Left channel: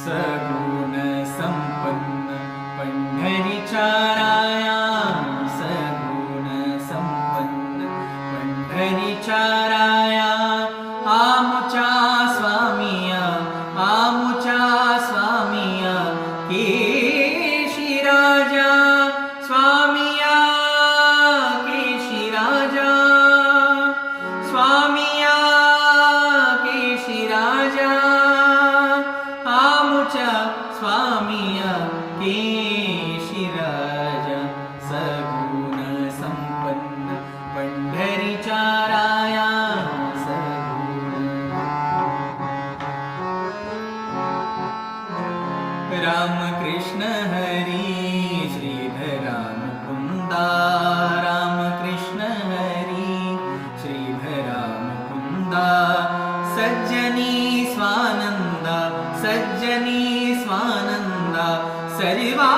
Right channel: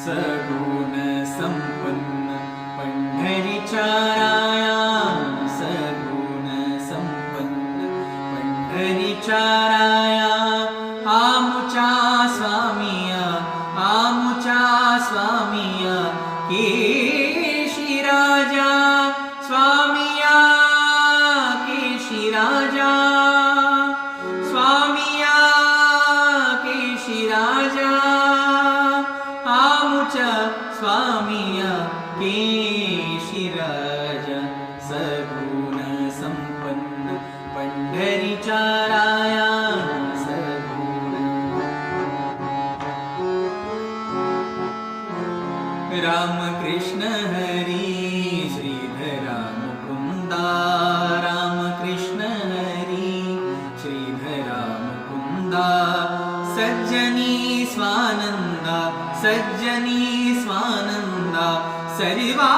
सगुण संपन्न पंढरीच्या राया, सगुण संपन्न पंढरीच्या राया, आमुच्या स्वामिया, आमुच्या स्वामिया, केशी राजा स्वामिया, केशी राजा स्वामिया, केशी राजा, आमुच्या स्वामिया, केशी राजा, सगुण संपन्न पंढरीच्या राया, सगुण. राम कृष्ण हरी श्रीधरा मुकुंदा, राम कृष्ण हरी श्रीधरा मुकुंदा, सज्जनी स्वानंदा, सज्जनी स्वानंदा, सर्वा